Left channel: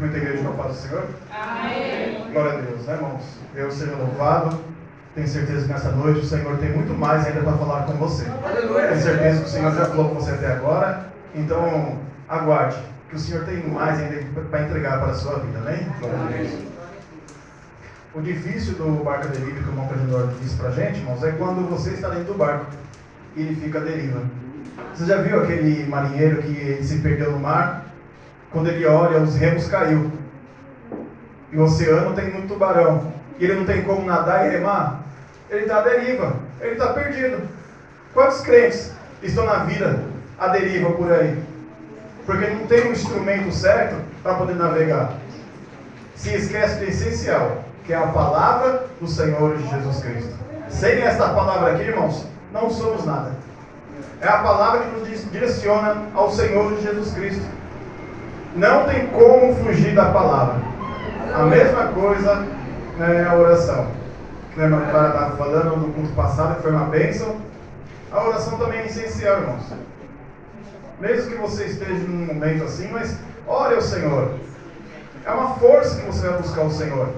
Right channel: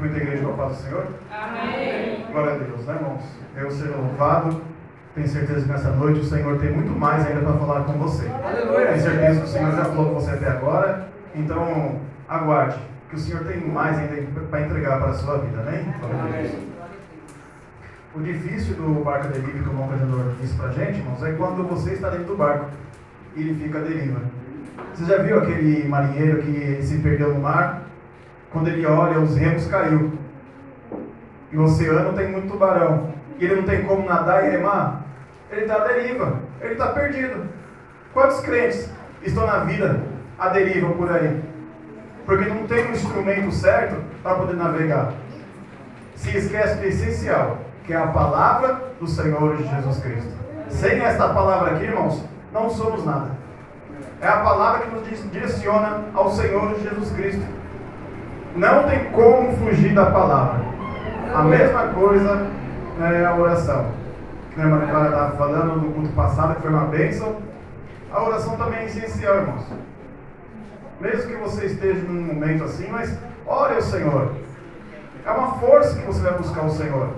Muita igreja com a paz do Senhor. Amém. Glória a Deus, né, irmãos? Deus seja louvado. Tenho certeza que nessa noite o Senhor tem muito mais ainda para falar com você. Aleluia. Tenho certeza que o Senhor já falou com você até agora. Então, aguarde, que o Senhor tem mais ainda para entregar para a sua vida, amém? Glória a Deus. O difícil do barco à deriva, que o irmão Cajador disse para a gente, irmãos, é quando você está dentro do barco e ele fica à deriva. Você já viu aquele marinheiro que se perdeu no mar? Quando ele olha, os remos caiu. E o oceano tem muito tubarão. E ele não tem como nadar e remar. Ele está à deriva. Ele está perdido. Quantos crentes estão na vida à deriva por aí? Porque não tem um instrumento certo para poder navegar. Se esquece do essencial, que é a palavra do Senhor Jesus Cristo. Sem esta palavra aqui, irmãos, não somos nada. É a palavra que nos direciona ao Senhor Jesus Cristo. Não tem como fugir da palavra. A mesma coisa é a oração. Que a irmã Clara estava falando no culto passado, que foi uma bênção. A oração também é essencial, irmãos. Mesmo que você esteja num momento assim, mas ore ao Senhor. É uma força que você vai buscar o Senhor.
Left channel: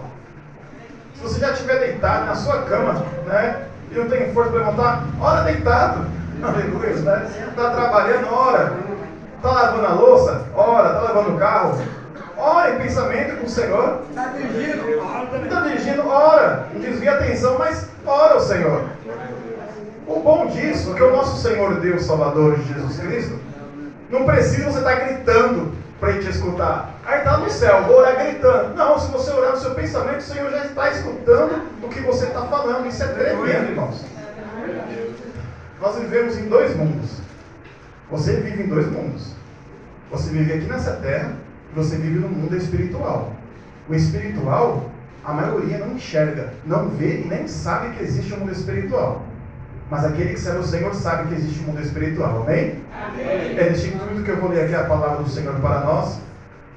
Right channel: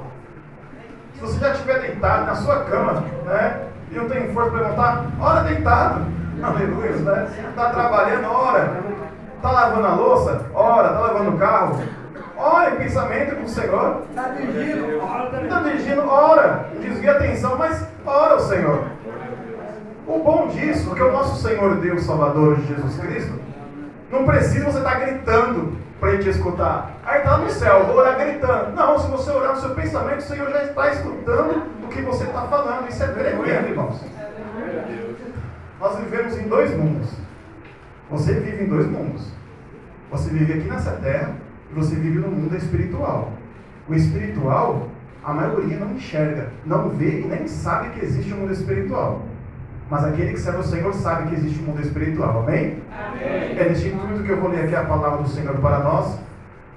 Se você já estiver deitado na sua cama, né, e não tem força para levantar, ora deitado. Aleluia, né? Está trabalhando, ora. Está lavando a louça, ora. Está lavando o carro, ora em pensamento com o Senhor. Está dirigindo, ora também. Está dirigindo, ora. Não desvia a atenção, mas ora ao Senhor. O bom disso é que o nosso Senhor Deus Salvador de Jesus Cristo não precisa você estar gritando para Ele te escutar. Aí está no céu, vou orar gritando. Não, se você orar no seu pensamento, o Senhor já está escutando o que você está falando. Isso é tremendo, irmãos. Nós vivemos em dois mundos. Você vive em dois mundos. Você vive aqui nessa terra e você vive no mundo espiritual. O espiritual, a maioria não enxerga, não vê e nem sabe que existe um mundo espiritual. Mas aquele que serve o Senhor sabe que existe um mundo espiritual, amém? Amém. É neste intuito que eu vou ler aqui a palavra do Senhor para nós,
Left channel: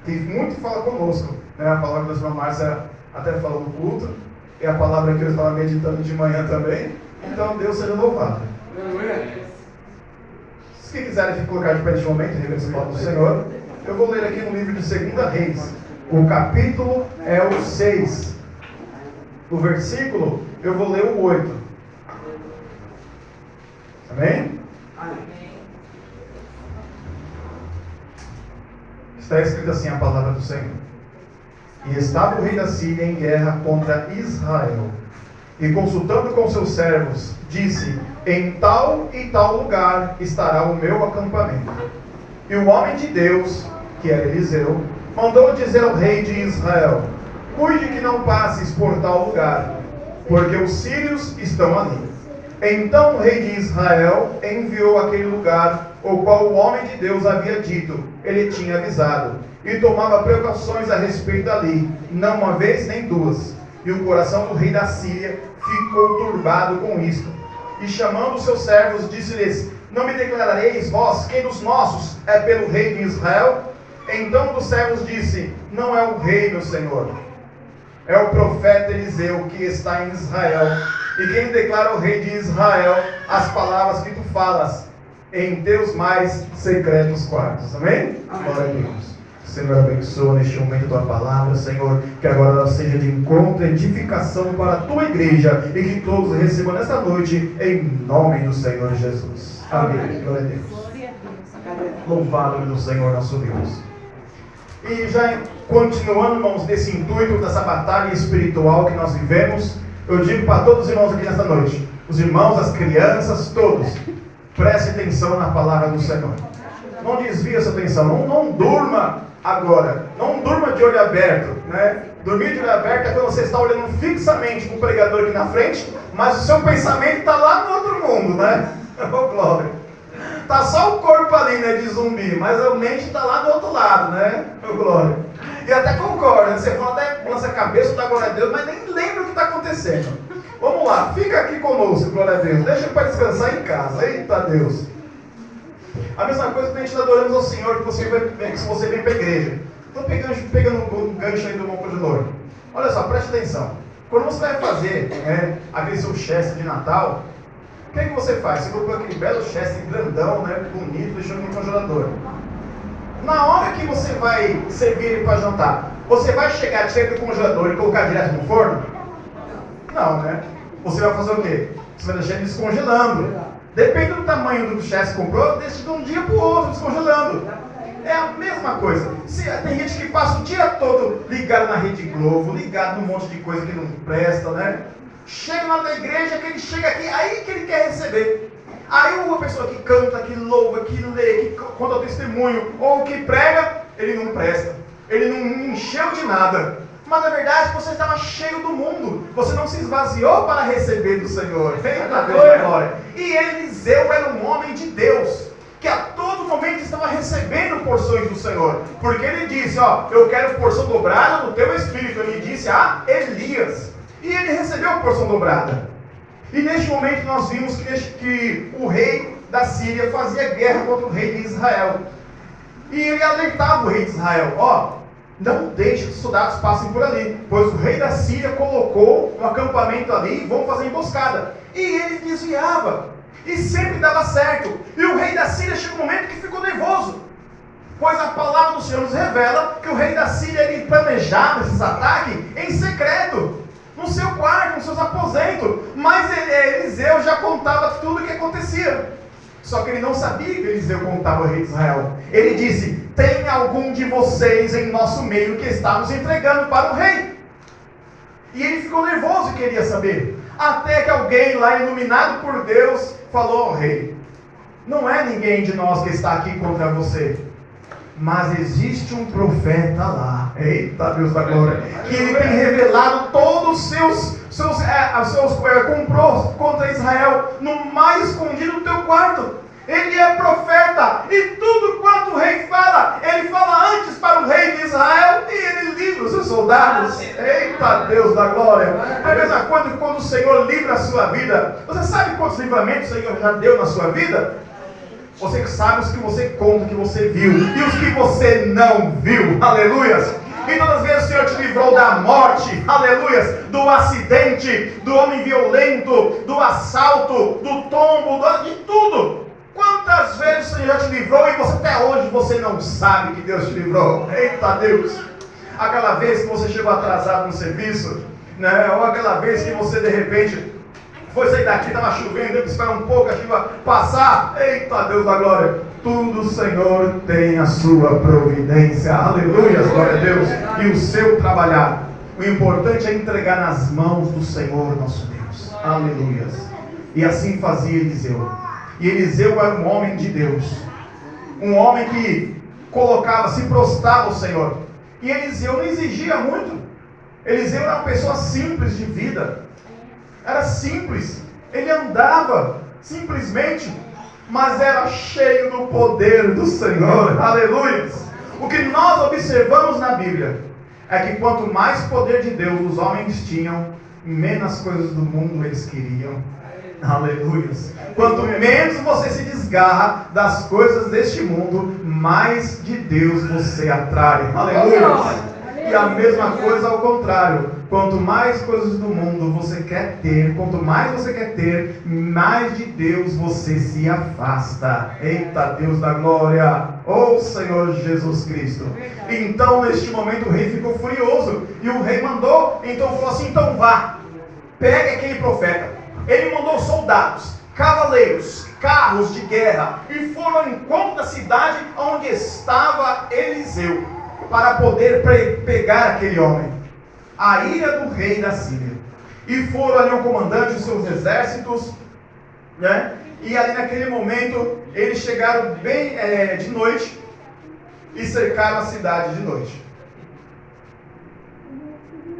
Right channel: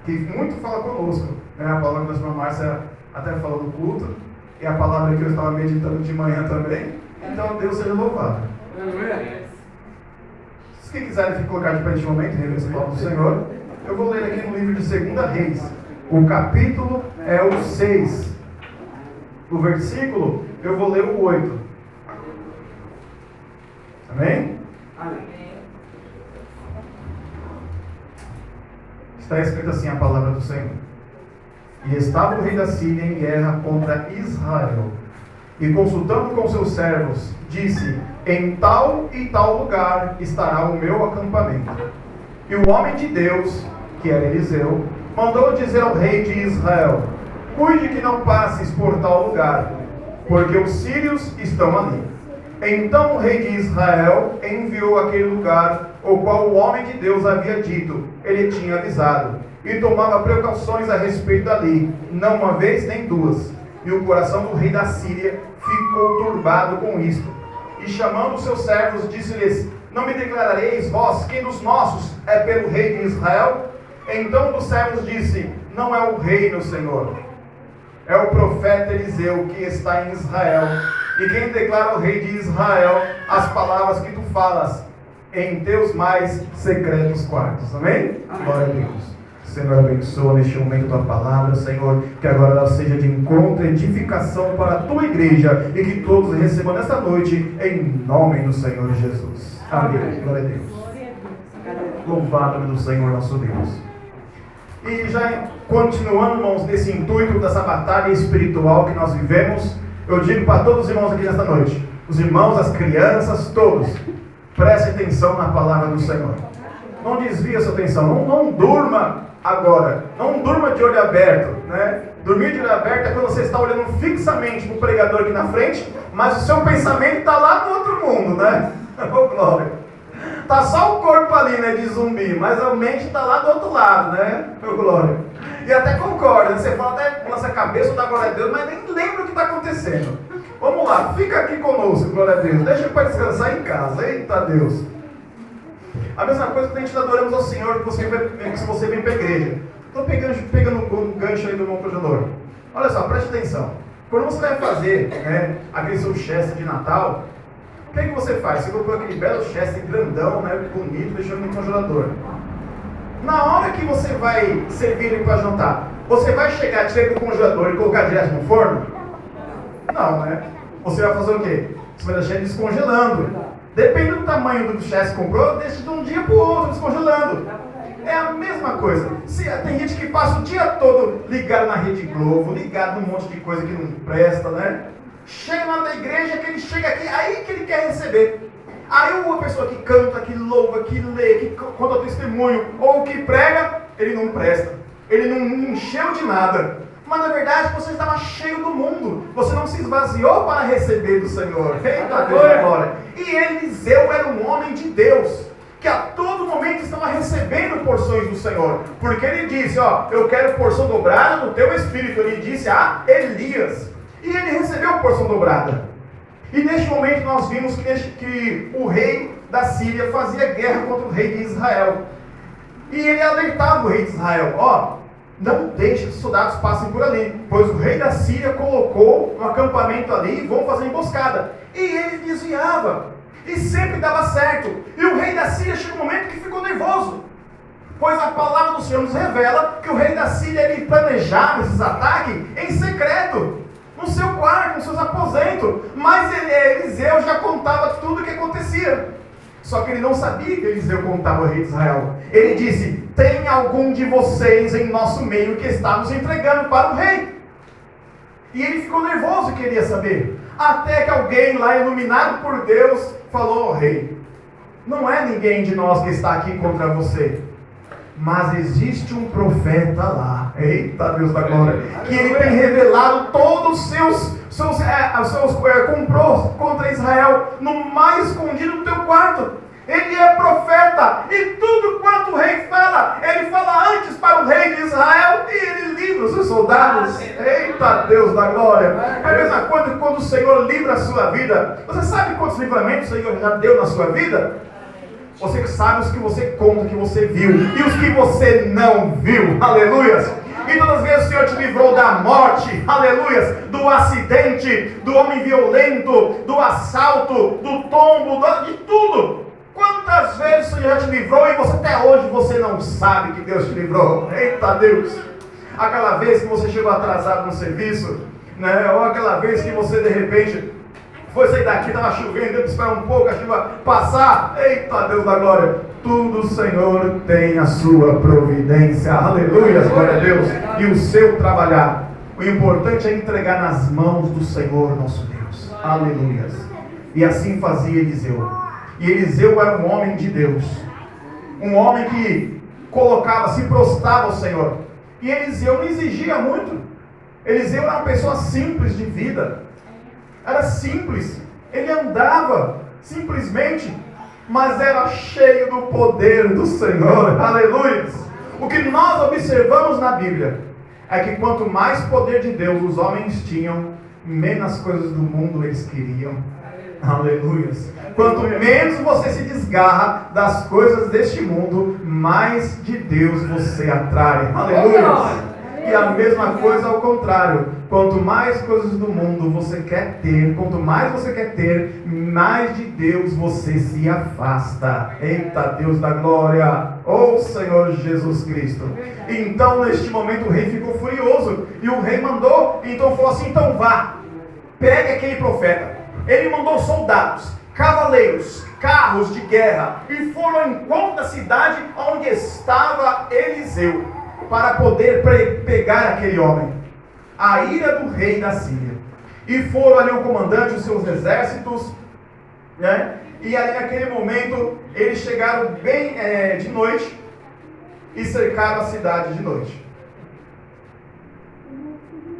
que muito fala conosco, né? A palavra da irmã Márcia até falou no culto, e a palavra que eu estava meditando de manhã também. Então Deus seja louvado. Se quiserem colocar de pé de momento, reverência à palavra do Senhor, eu vou ler aqui no livro de 2 Reis. O capítulo é o 6. O versículo, eu vou ler o 8. Amém? Amém. Está escrito assim a palavra do Senhor. E estava o rei da Síria em guerra contra Israel. E consultando com seus servos, disse: em tal e tal lugar estará o meu acampamento. E o homem de Deus, que era Eliseu, mandou dizer ao rei de Israel: cuide que não passes por tal lugar, porque os sírios estão ali. Então o rei de Israel enviou àquele lugar, o qual o homem de Deus havia dito, ele tinha avisado, e tomava precauções a respeito dali, não uma vez nem duas. E o coração do rei da Síria ficou turbado com isto. E chamando seus servos, disse-lhes: não me declarareis vós quem dos nossos é pelo rei de Israel? Então um dos servos disse: não é o rei, meu senhor, é o profeta Eliseu que está em Israel. E quem declara ao rei de Israel as palavras que tu falas em teus mais secretos quartos. Amém? Amém. Glória a Deus. Senhor, abençoa neste momento a tua palavra, Senhor, que agora ela seja de encontro e edificação para a tua igreja e que todos recebam nesta noite em nome do Senhor Jesus. Amém. Amém. Glória a Deus. Louvado do Senhor nosso Deus. E já continuando, irmãos, nesse intuito dessa batalha espiritual que nós vivemos, eu digo para todos os irmãos aqui nesta noite, os irmãos, as crianças, todos, preste atenção na palavra do Senhor. Não desvie a sua atenção, não durma agora, não durma de olho aberto, né? Dormir de olho aberto é quando você está olhando fixamente para o pregador aqui na frente, mas o seu pensamento está lá no outro mundo, né? Oh, glória! Está só o corpo ali, né, de zumbi, mas a mente está lá do outro lado, né? Oh, glória! E até concorda, você fala até lança a cabeça, dá glória a Deus, mas nem lembra o que está acontecendo. Vamos lá, fica aqui conosco, glória a Deus. Deixa para descansar em casa, eita Deus. A mesma coisa que a gente adoramos ao Senhor, que você vem para a igreja. Estou pegando um gancho aí do irmão projetor. Olha só, preste atenção. Quando você vai fazer aquele seu cheste de Natal, o que é que você faz? Você colocou aquele belo cheste grandão, né, bonito, deixando no congelador. Na hora que você vai servir ele para jantar, Você vai chegar, tirar do congelador e colocar direto no forno? Não, né? Você vai fazer o quê? Você vai deixar ele descongelando. Depende do tamanho do chá que você comprou, deixa de um dia para o outro descongelando. É a mesma coisa. Tem gente que passa o dia todo ligado na Rede Globo, ligado num monte de coisa que não presta, né? Chega lá na igreja, que ele chega aqui, aí que ele quer receber. Aí uma pessoa que canta, que louva, que lê, que conta testemunho, ou que prega, ele não presta. Ele não encheu de nada. Mas na verdade você estava cheio do mundo. Você não se esvaziou para receber do Senhor. Eita Deus da glória. E Eliseu era um homem de Deus, que a todo momento estava recebendo porções do Senhor. Porque ele disse, eu quero porção dobrada no teu espírito. Ele disse a Elias. E ele recebeu a porção dobrada. E neste momento nós vimos que o rei da Síria fazia guerra contra o rei de Israel. E ele alertava o rei de Israel, não deixe que os soldados passem por ali, pois o rei da Síria colocou um acampamento ali e vão fazer emboscada. E ele desviava, e sempre dava certo. E o rei da Síria chegou um momento que ficou nervoso, pois a palavra do Senhor nos revela que o rei da Síria ele planejava esses ataques em secreto, no seu quarto, nos seus aposentos. Mas Eliseu já contava tudo o que acontecia. Só que ele não sabia que Eliseu contava ao rei de Israel. Ele disse, tem algum de vocês em nosso meio que está nos entregando para o rei? E ele ficou nervoso e queria saber. Até que alguém lá, iluminado por Deus, falou, rei, não é ninguém de nós que está aqui contra você, mas existe um profeta lá, eita Deus da glória, que ele tem revelado todos os seus comprou contra Israel no mais escondido do teu quarto. Ele é profeta, e tudo quanto o rei fala, ele fala antes para o rei de Israel, e ele livra os seus soldados. Eita Deus da glória. É a mesma coisa quando o Senhor livra a sua vida. Você sabe quantos livramentos o Senhor já deu na sua vida? Você sabe os que você conta, que você viu, e os que você não viu. Aleluias. E todas as vezes o Senhor te livrou da morte, aleluias, do acidente, do homem violento, do assalto, do tombo, de tudo. Quantas vezes o Senhor já te livrou e você até hoje você não sabe que Deus te livrou? Eita Deus! Aquela vez que você chegou atrasado no serviço, né? Ou aquela vez que você de repente foi sair daqui, estava chovendo, teve que esperar um pouco a chuva passar. Eita Deus da glória! Tudo o Senhor tem a sua providência. Aleluia, glória a Deus. E o seu trabalhar. O importante é entregar nas mãos do Senhor nosso Deus. Aleluia. E assim fazia Eliseu. E Eliseu era um homem de Deus. Um homem que se prostrava ao Senhor. E Eliseu não exigia muito. Eliseu era uma pessoa simples de vida. Era simples. Ele andava simplesmente, mas era cheio do poder do Senhor. Aleluia. O que nós observamos na Bíblia é que quanto mais poder de Deus os homens tinham, menos coisas do mundo eles queriam. Aleluia. Quanto menos você se desgarra das coisas deste mundo, mais de Deus você atrai. Aleluia. E a mesma coisa ao contrário. Quanto mais coisas do mundo você quer ter, quanto mais você quer ter, mais de Deus você se afasta. Eita Deus da glória, oh Senhor Jesus Cristo. Então neste momento o rei ficou furioso, e o rei mandou, então falou assim, então vá, pegue aquele profeta. Ele mandou soldados, cavaleiros, carros de guerra, e foram ao encontro da cidade onde estava Eliseu, para poder pegar aquele homem. A ira do rei da Síria. E foram ali o comandante dos seus exércitos, né? E ali naquele momento eles chegaram bem de noite e cercaram a cidade de noite.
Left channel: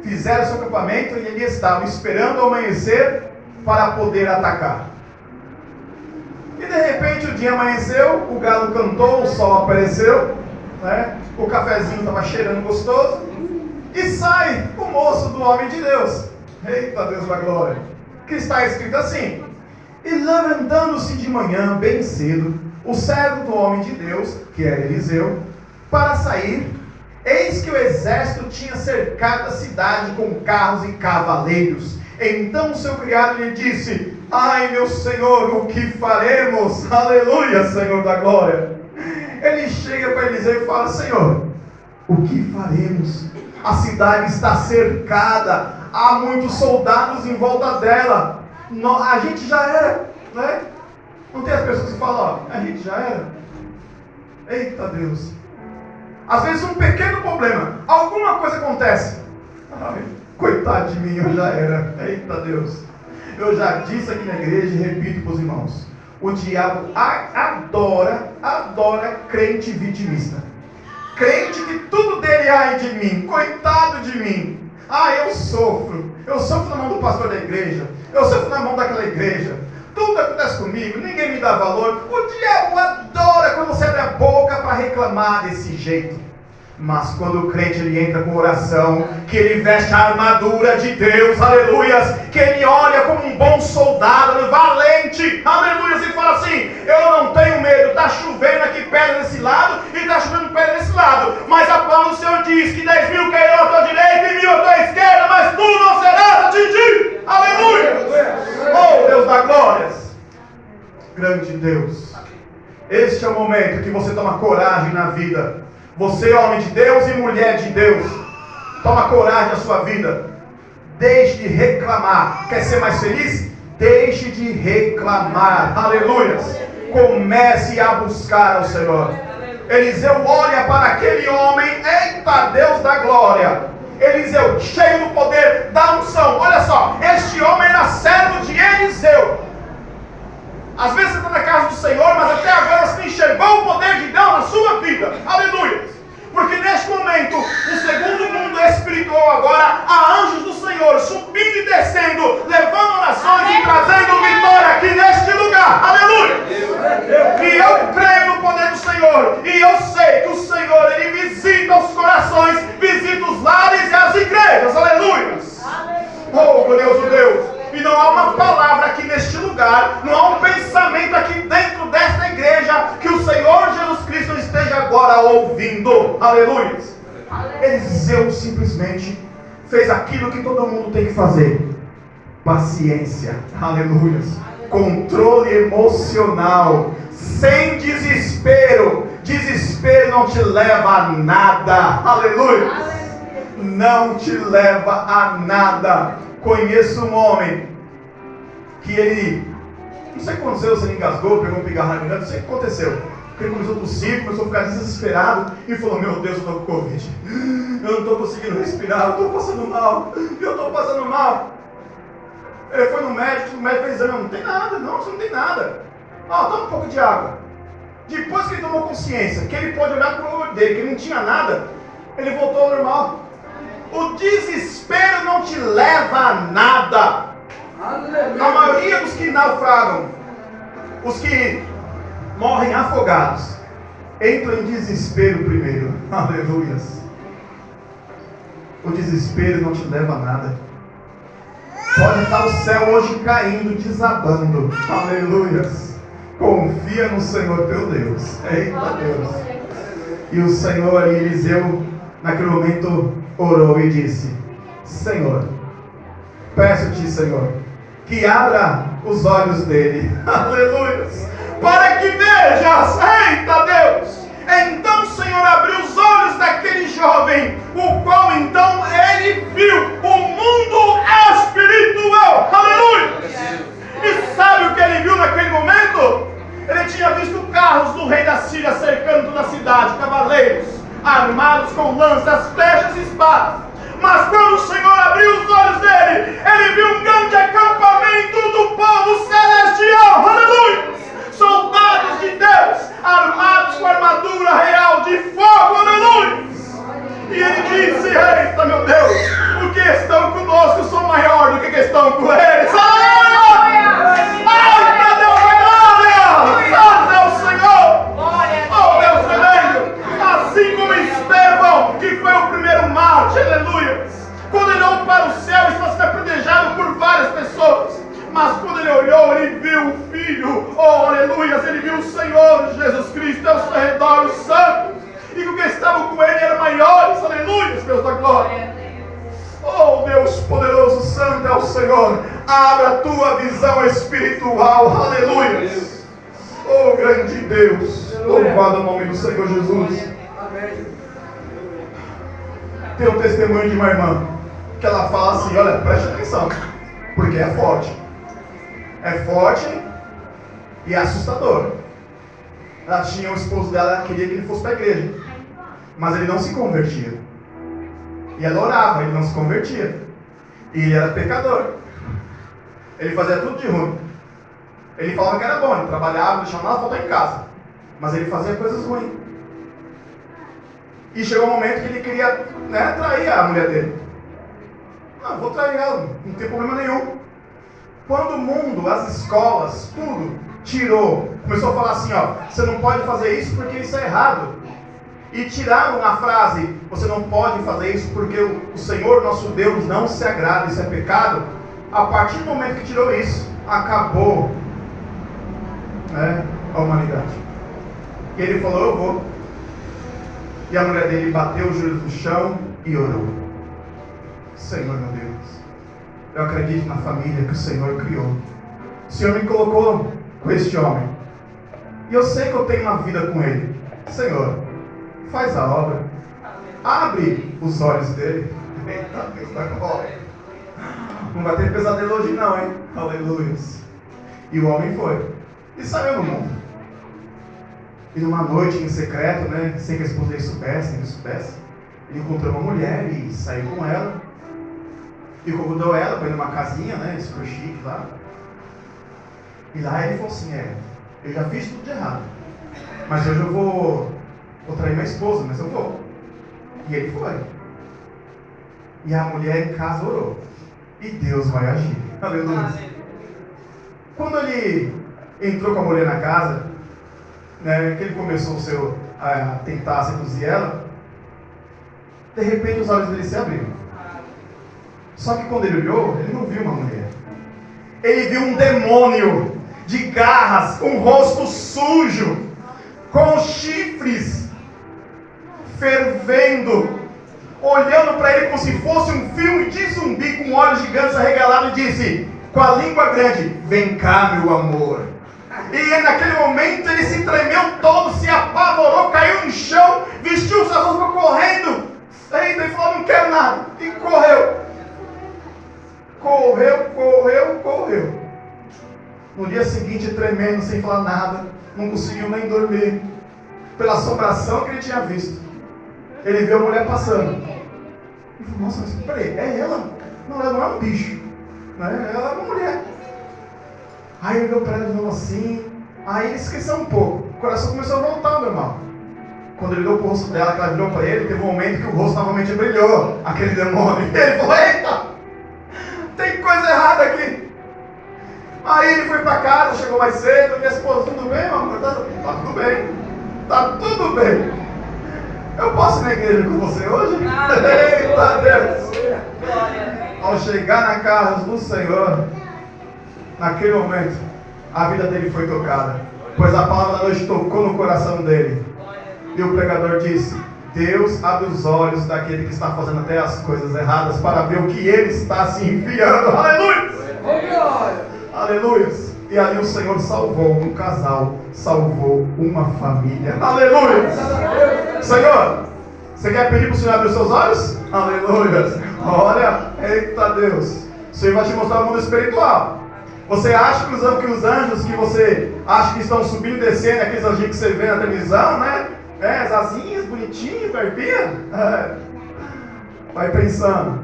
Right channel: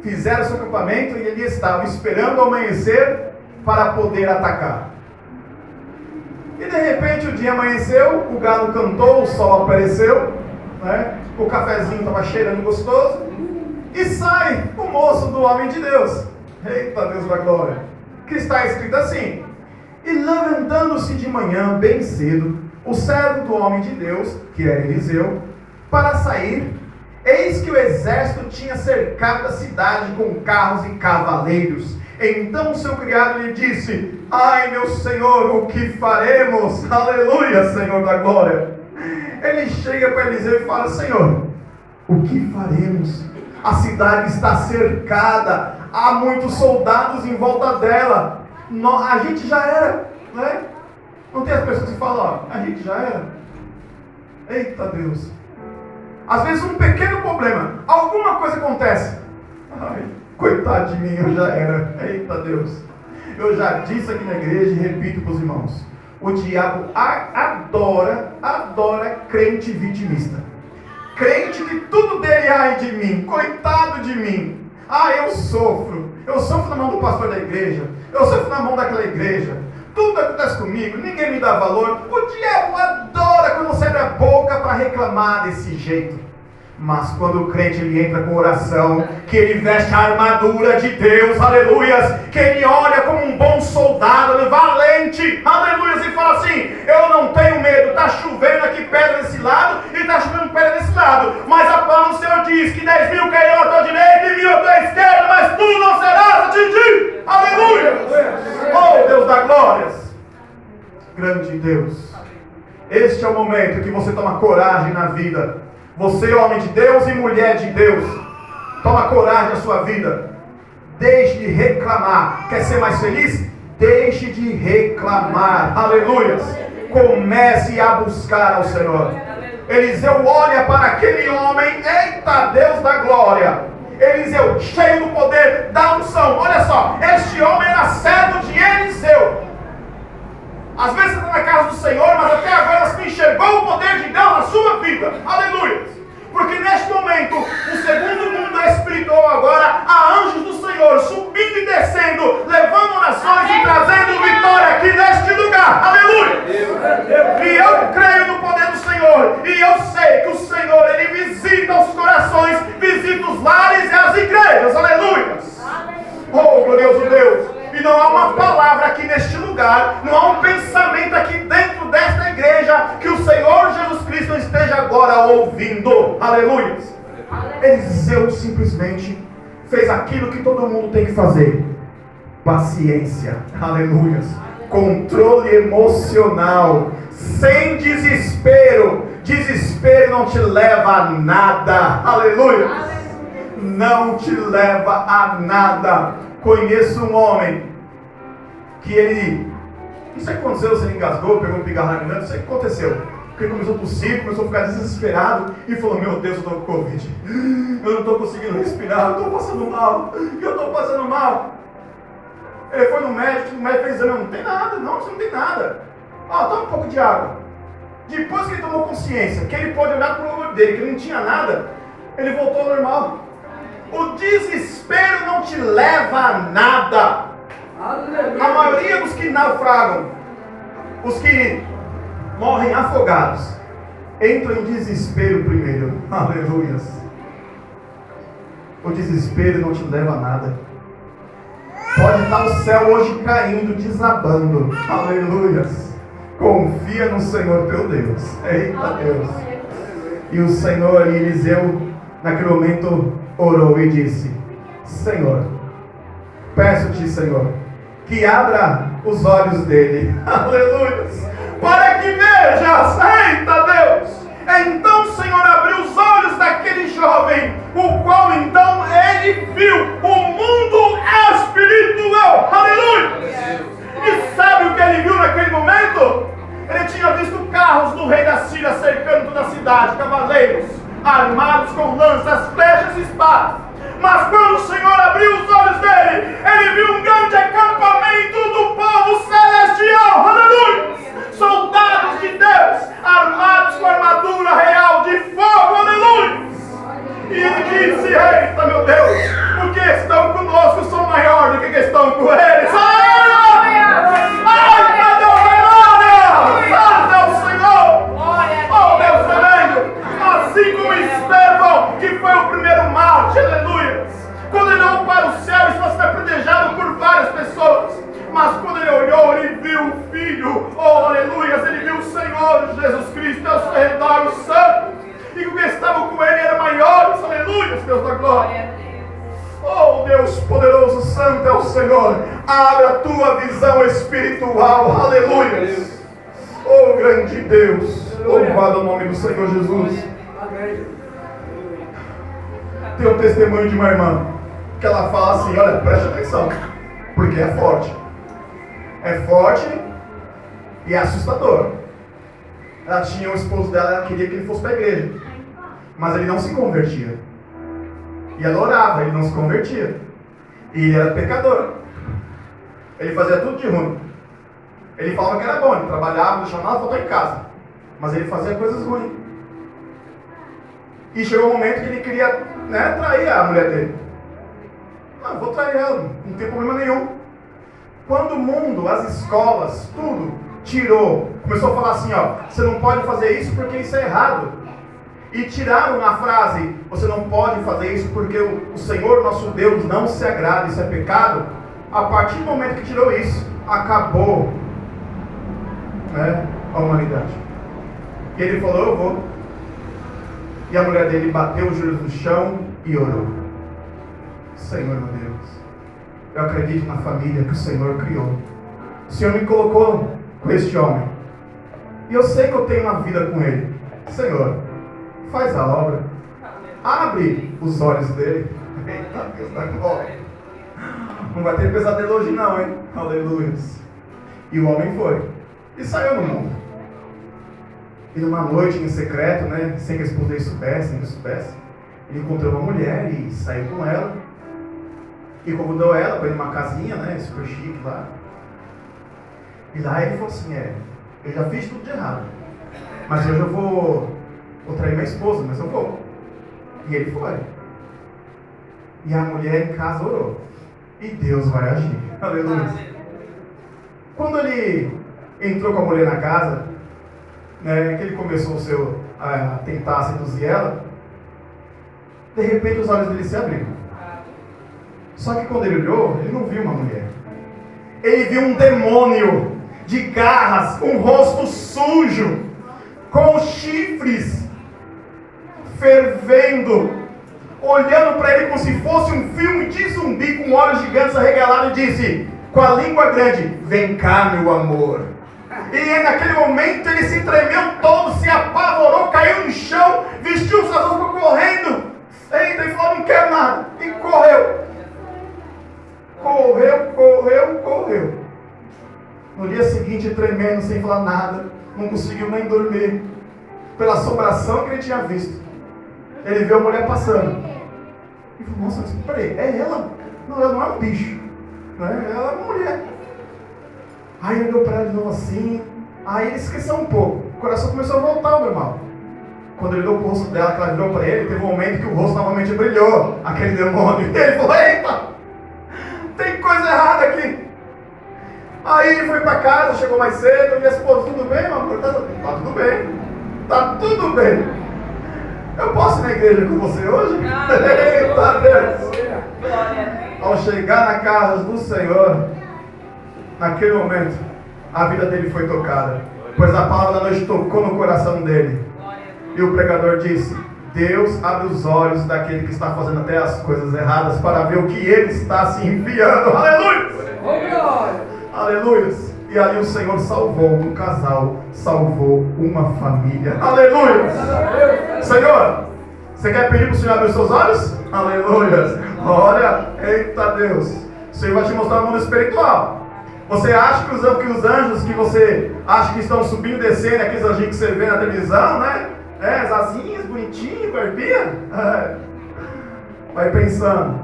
Fizeram seu acampamento e ali estavam esperando o amanhecer para poder atacar. E de repente o dia amanheceu, o galo cantou, o sol apareceu, né? O cafezinho estava cheirando gostoso. E sai o moço do homem de Deus. Eita Deus da glória. Que está escrito assim: e levantando-se de manhã bem cedo, o servo do homem de Deus, que era Eliseu, para sair, eis que o exército tinha cercado a cidade com carros e cavaleiros. Então seu criado lhe disse: ai meu senhor, o que faremos? Aleluia, Senhor da glória. Ele chega para Eliseu e fala: Senhor, o que faremos? A cidade está cercada, há muitos soldados em volta dela. A gente já era, né? Não tem as pessoas que falam, ó, a gente já era. Eita Deus. Às vezes um pequeno problema, alguma coisa acontece. Ai, coitado de mim, eu já era. Eita Deus. Eu já disse aqui na igreja e repito para os irmãos. O diabo adora crente vitimista. Crente que tudo dele, ai de mim, coitado de mim. Eu sofro na mão do pastor da igreja, eu sofro na mão daquela igreja, tudo acontece comigo, ninguém me dá valor. O diabo adora quando você abre a boca para reclamar desse jeito. Mas quando o crente ele entra com oração, que ele veste a armadura de Deus, aleluias, que ele olha como um bom soldado, valente, aleluias, e fala assim: eu não tenho medo, está chovendo aqui pedra desse lado e está chovendo pedra desse lado, mas a palavra do Senhor diz que 10 mil cairão à tua direita e 1.000 à tua esquerda, mas tu não serás atingido, aleluia. Oh Deus da glórias, grande Deus, este é o momento que você toma coragem na vida. Você, homem de Deus e mulher de Deus, toma coragem na sua vida. Deixe de reclamar. Quer ser mais feliz? Deixe de reclamar. Aleluia. Comece a buscar ao Senhor. Eliseu olha para aquele homem. Eita Deus da glória. Eliseu, cheio do poder da unção. Olha só, este homem era servo de Eliseu. Às vezes você está na casa do Senhor, mas até agora você não enxergou o poder de Deus na sua vida. Aleluia. Porque neste momento, o segundo mundo espiritual agora, há anjos do Senhor subindo e descendo, levando orações e trazendo vitória aqui neste lugar. Aleluia. E eu creio no poder do Senhor. E eu sei que o Senhor, Ele visita os corações, visita os lares e as igrejas. Aleluia. Oh, glorioso Deus. E não há uma palavra aqui neste lugar, não há um pensamento aqui dentro desta igreja que o Senhor Jesus Cristo esteja agora ouvindo. Aleluia. Eliseu simplesmente fez aquilo que todo mundo tem que fazer: paciência. Aleluia. Controle emocional, sem desespero. Desespero não te leva a nada. Aleluia. Não te leva a nada. Conheço um homem que ele, não sei o que aconteceu, se ele engasgou, pegou um pigarro na garganta, não sei o que aconteceu. Ele começou a tossir, começou a ficar desesperado e falou: meu Deus, eu estou com Covid, eu não estou conseguindo respirar, eu estou passando mal. Ele foi no médico, o médico fez exame: não tem nada, não, você não tem nada. Toma um pouco de água. Depois que ele tomou consciência, que ele pôde olhar para o olho dele, que ele não tinha nada, ele voltou ao normal. O desespero não te leva a nada. A maioria dos que naufragam, os que morrem afogados, entram em desespero primeiro. Aleluias. O desespero não te leva a nada. Pode estar o céu hoje caindo, desabando. Aleluias. Confia no Senhor teu Deus. Eita Deus. E o Senhor, Eliseu, naquele momento orou e disse: Senhor, peço-te, Senhor, que abra os olhos dele, aleluia, para que vejas. Eita Deus. Então o Senhor abriu os olhos daquele jovem, o qual então ele viu o mundo espiritual, aleluia. E sabe o que ele viu naquele momento? Ele tinha visto carros do rei da Síria cercando toda a cidade, cavaleiros armados com lanças, flechas e espadas. Mas quando o Senhor abriu os olhos dele, ele viu um grande acampamento do povo celestial, aleluia, soldados de Deus, armados com armadura real de fogo, aleluia. E ele disse: eita meu Deus, os que estão conosco são maiores do que estão com eles. Aleluia! Ai, meu Deus, a glória! Santo é o Senhor! Oh Deus tremendo! Assim como Estevão, que foi o primeiro mártir, aleluia, quando ele olhou para o céu, estava sendo apedrejado por várias pessoas, mas quando ele olhou, ele viu o Filho, oh aleluia, ele viu o Senhor Jesus Cristo ao seu redor, os santos, e o que estavam com ele eram maiores, aleluia, Deus da glória. Oh Deus poderoso, santo é o Senhor, abra a tua visão espiritual, aleluia. Oh grande Deus, louvado o nome do Senhor Jesus. tem um testemunho de uma irmã, que ela fala assim, olha, preste atenção, porque é forte. É forte e é assustador. Ela tinha um esposo dela, ela queria que ele fosse para a igreja, mas ele não se convertia. E ela orava, ele não se convertia. E ele era pecador. Ele fazia tudo de ruim. Ele falava que era bom, ele trabalhava, não deixava nada faltar em casa. Mas ele fazia coisas ruins. E chegou um momento que ele queria, trair a mulher dele. Não, vou trair ela, não tem problema nenhum. Quando o mundo, as escolas, tudo, tirou, começou a falar assim, ó, você não pode fazer isso porque isso é errado. E tiraram a frase, você não pode fazer isso porque o Senhor nosso Deus não se agrada, isso é pecado. A partir do momento que tirou isso, acabou a humanidade. E ele falou, eu vou. E a mulher dele bateu os joelhos no chão e orou. Senhor meu Deus, eu acredito na família que o Senhor criou. O Senhor me colocou com este homem. E eu sei que eu tenho uma vida com ele. Senhor, faz a obra. Abre os olhos dele. Eita Deus da glória. Não vai ter pesadelo hoje não, hein? Aleluia. E o homem foi. E saiu no mundo. E numa noite em secreto, sem que a esposa dele soubesse, nem que soubesse, ele encontrou uma mulher e saiu com ela. E convidou ela para ir numa casinha, super chique lá. E lá ele falou assim, eu já fiz tudo de errado. Mas hoje eu vou trair minha esposa, mas eu vou. E ele foi. E a mulher em casa orou. E Deus vai agir. Aleluia. Quando ele entrou com a mulher na casa, que ele começou a tentar seduzir ela, de repente os olhos dele se abriram. Só que quando ele olhou, ele não viu uma mulher. Ele viu um demônio de garras, um rosto sujo, com chifres, fervendo, olhando para ele como se fosse um filme de zumbi, com olhos gigantes arregalados, e disse, com a língua grande, vem cá meu amor. E naquele momento ele se tremeu todo, se apavorou, caiu no chão, vestiu suas roupas correndo. Eita, ele falou, não quero nada. E correu. Correu. No dia seguinte, tremendo, sem falar nada, não conseguiu nem dormir, pela assombração que ele tinha visto. Ele viu a mulher passando. Ele falou, nossa, mas peraí, é ela? Não, ela não é um bicho, ela é uma mulher. Aí ele olhou para ela de novo assim, aí ele esqueceu um pouco, o coração começou a voltar, meu irmão. Quando ele olhou para o rosto dela, que ela virou para ele, teve um momento que o rosto novamente brilhou, aquele demônio. E ele falou, eita, tem coisa errada aqui. Aí ele foi para casa, chegou mais cedo, minha esposa, tudo bem, meu amor? Tá tudo bem, tá tudo bem. Eu posso ir na igreja com você hoje? Eita Deus! Ao chegar na casa do Senhor, naquele momento, a vida dele foi tocada, pois a palavra da noite tocou no coração dele. E o pregador disse, Deus abre os olhos daquele que está fazendo até as coisas erradas para ver o que ele está se enfiando. Aleluia! Aleluia! E aí o Senhor salvou um casal, salvou uma família. Aleluia! Senhor, você quer pedir para o Senhor abrir os seus olhos? Aleluia! Olha, eita Deus! O Senhor vai te mostrar o mundo espiritual. Você acha que os anjos que você acha que estão subindo e descendo, aqueles anjinhos que você vê na televisão, as asinhas, bonitinhas, barbinha? Vai pensando.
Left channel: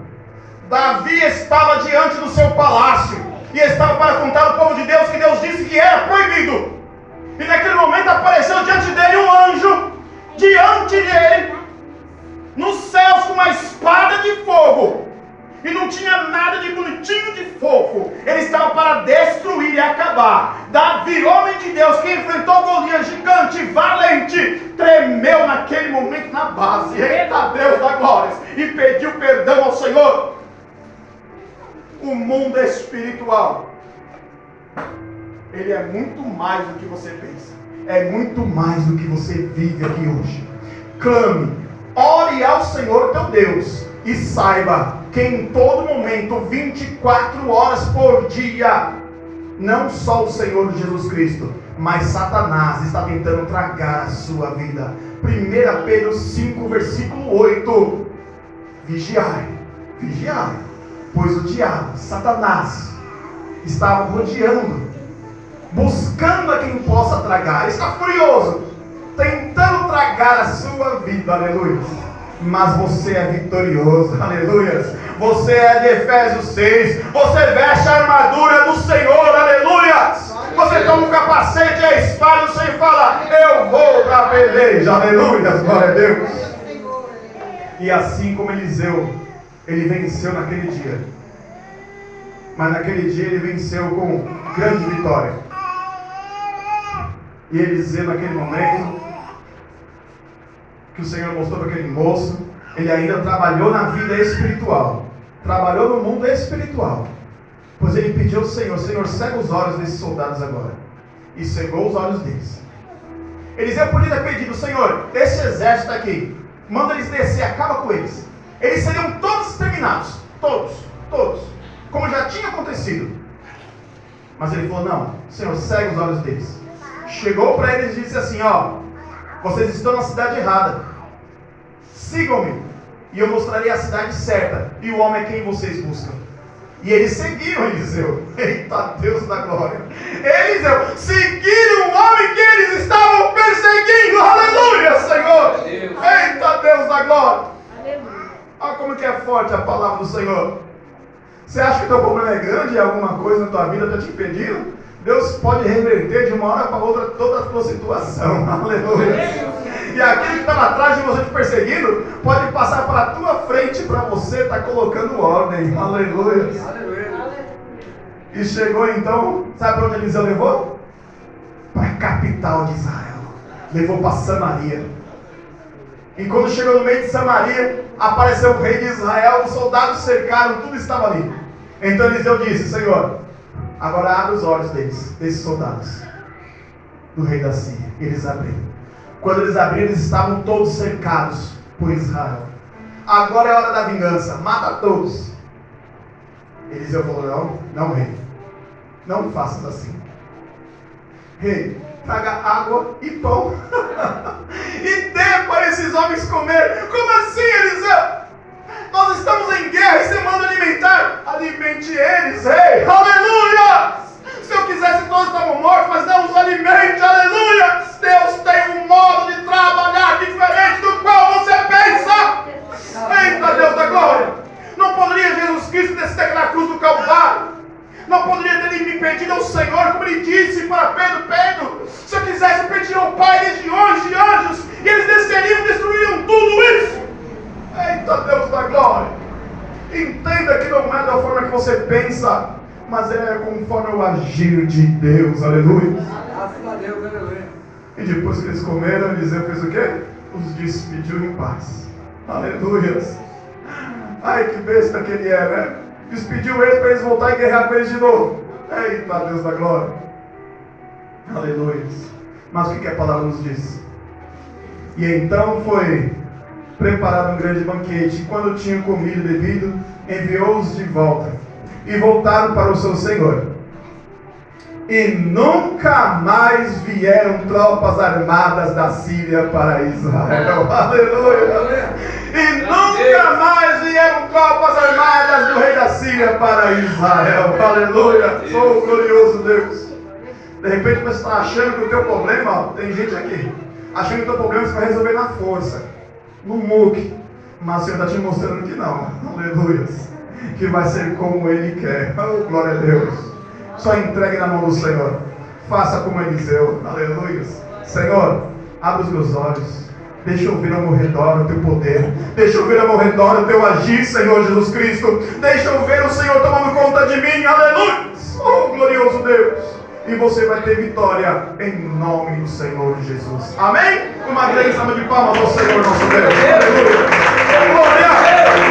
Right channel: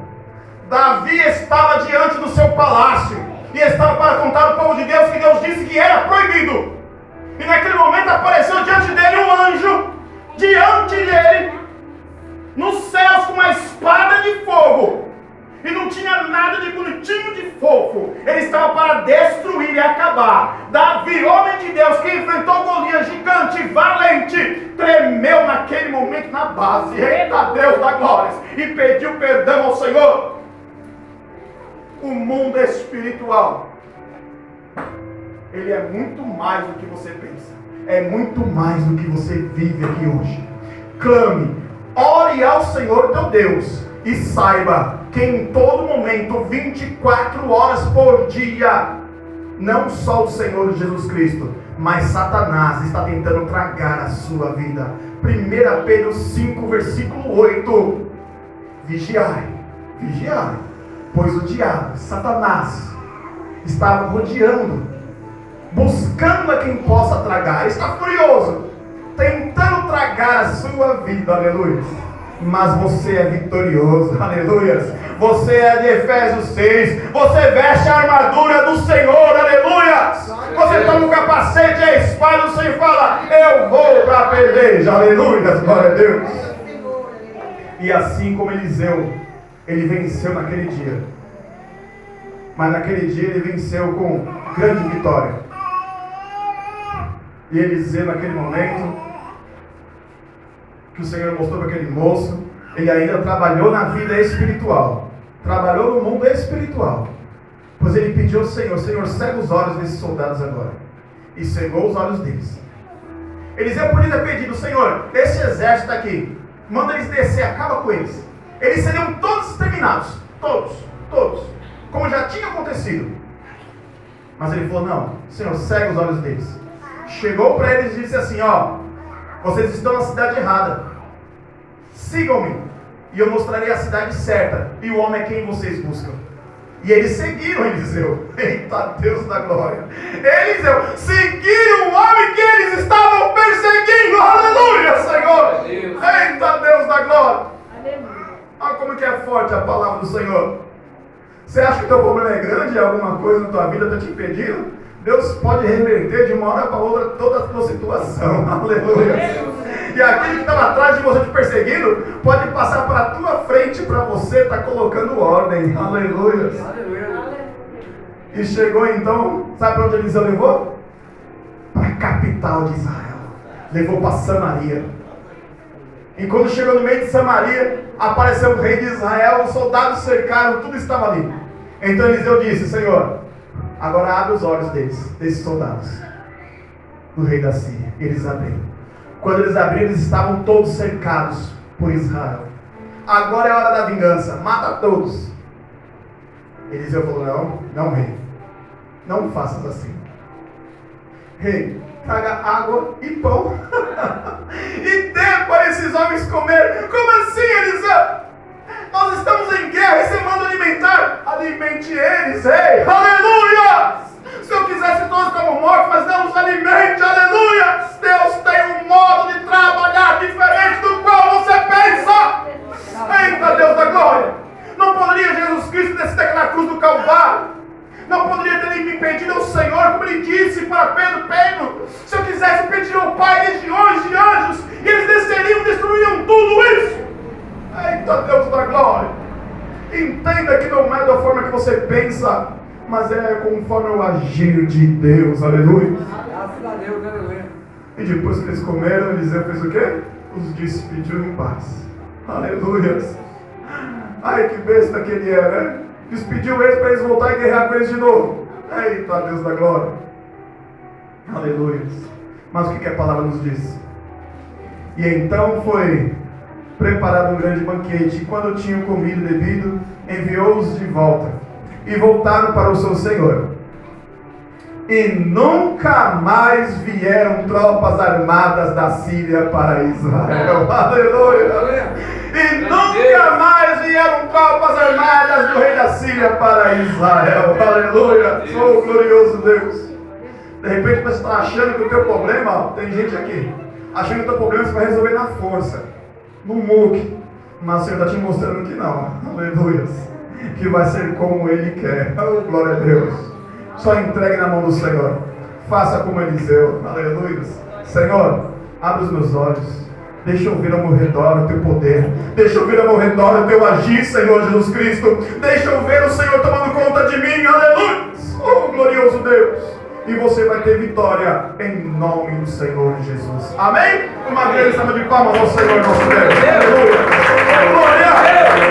Davi estava diante do seu palácio e estava para contar ao povo de Deus que Deus disse que era proibido. E naquele momento apareceu diante dele um anjo, diante dele, nos céus, com uma espada de fogo. E não tinha nada de bonitinho, de fofo. Ele estava para destruir e acabar. Davi, homem de Deus, que enfrentou Golias, gigante, valente, tremeu naquele momento na base. Eita Deus da glória! E pediu perdão ao Senhor. O mundo espiritual, ele é muito mais do que você pensa. É muito mais do que você vive aqui hoje. Clame, ore ao Senhor teu Deus e saiba que em todo momento, 24 horas por dia, não só o Senhor Jesus Cristo, mas Satanás está tentando tragar a sua vida. 1 Pedro 5, versículo 8. vigiai, vigiai, pois o diabo, Satanás, está rodeando, buscando a quem possa tragar. Está furioso, tentando tragar a sua vida, aleluia. Mas você é vitorioso, aleluia. Você é de Efésios 6, você veste a armadura do Senhor, aleluia. Você toma o capacete e a espada do Senhor e fala: eu vou para a peleja, aleluia, glória a Deus. E assim como Eliseu, ele venceu naquele dia. Mas naquele dia ele venceu com grande vitória. E Eliseu, naquele momento que o Senhor mostrou para aquele moço, ele ainda trabalhou na vida espiritual, trabalhou no mundo espiritual, pois ele pediu ao Senhor: Senhor, cega os olhos desses soldados agora. E cegou os olhos deles. Eliseu podia ter pedido: Senhor, esse exército aqui, manda eles descer, acaba com eles. Eles seriam todos exterminados, todos, como já tinha acontecido. Mas ele falou: não, Senhor, cega os olhos deles. Chegou para eles e disse assim: ó, vocês estão na cidade errada, sigam-me e eu mostrarei a cidade certa e o homem é quem vocês buscam. E eles seguiram Eliseu. Eita Deus da glória. Eliseu, seguiram o homem que eles estavam perseguindo. Aleluia, Senhor. Eita Deus da glória. Olha como que é forte a palavra do Senhor. Você acha que o teu problema é grande e alguma coisa na tua vida está te impedindo? Deus pode reverter de uma hora para outra toda a tua situação. Aleluia. E aquilo que está lá atrás de você te perseguindo pode passar para a tua frente, para você estar colocando ordem. Aleluia. E chegou então, sabe para onde Eliseu levou? Para a capital de Israel. Levou para Samaria. E quando chegou no meio de Samaria, apareceu o rei de Israel, os soldados cercaram, tudo estava ali. Então Eliseu disse: Senhor, agora abre os olhos desses soldados, do rei da Síria. E eles abriram. Quando eles abriram, eles estavam todos cercados por Israel. Agora é a hora da vingança, mata todos. Eliseu falou: não rei, não faças assim. Rei, traga água e pão e dê para esses homens comer. Como assim, Eliseu? Nós estamos em guerra e você manda alimentar. Alimente eles, rei. Aleluia. Se eu quisesse, todos estavam mortos, mas não os alimente. Aleluia. Deus tem um modo de trabalhar diferente do qual você pensa. Eita Deus da glória. Não poderia Jesus Cristo descer aquela cruz do Calvário? Não poderia ter impedido ao Senhor, como ele disse para Pedro: Pedro, se eu quisesse pedir ao Pai legiões de anjos, e eles desceriam, destruiriam tudo isso. Eita Deus da glória. Entenda que não é da forma que você pensa, mas é conforme o agir de Deus. Aleluia. Graças a Deus, aleluia. E depois que eles comeram, Eliseu fez o quê? Os despediu em paz. Aleluia. Ai, que besta que ele é, né? Despediu eles para eles voltarem e guerrear com eles de novo. Eita Deus da glória. Aleluia. Mas o que a palavra nos diz? E então foi preparado um grande banquete, e quando tinham comido e bebido, enviou-os de volta, e voltaram para o seu senhor. E nunca mais vieram tropas armadas da Síria para Israel. Aleluia. E nunca mais vieram tropas armadas do rei da Síria para Israel. Aleluia. Oh, glorioso Deus. De repente você está achando que o teu problema, ó, tem gente aqui, achando que o teu problema você vai resolver na força, no muque. Mas o Senhor está te mostrando que não. Aleluia. Que vai ser como Ele quer. Oh, glória a Deus. Só entregue na mão do Senhor. Faça como Eliseu. Aleluia. Senhor, abre os meus olhos. Deixa eu ver ao meu redor o teu poder. Deixa eu ver ao meu redor o teu agir, Senhor Jesus Cristo. Deixa eu ver o Senhor tomando conta de mim. Aleluia. Oh, glorioso Deus. E você vai ter vitória em nome do Senhor Jesus. Amém? Uma grande salva de palmas ao Senhor nosso Deus. Aleluia. Glória.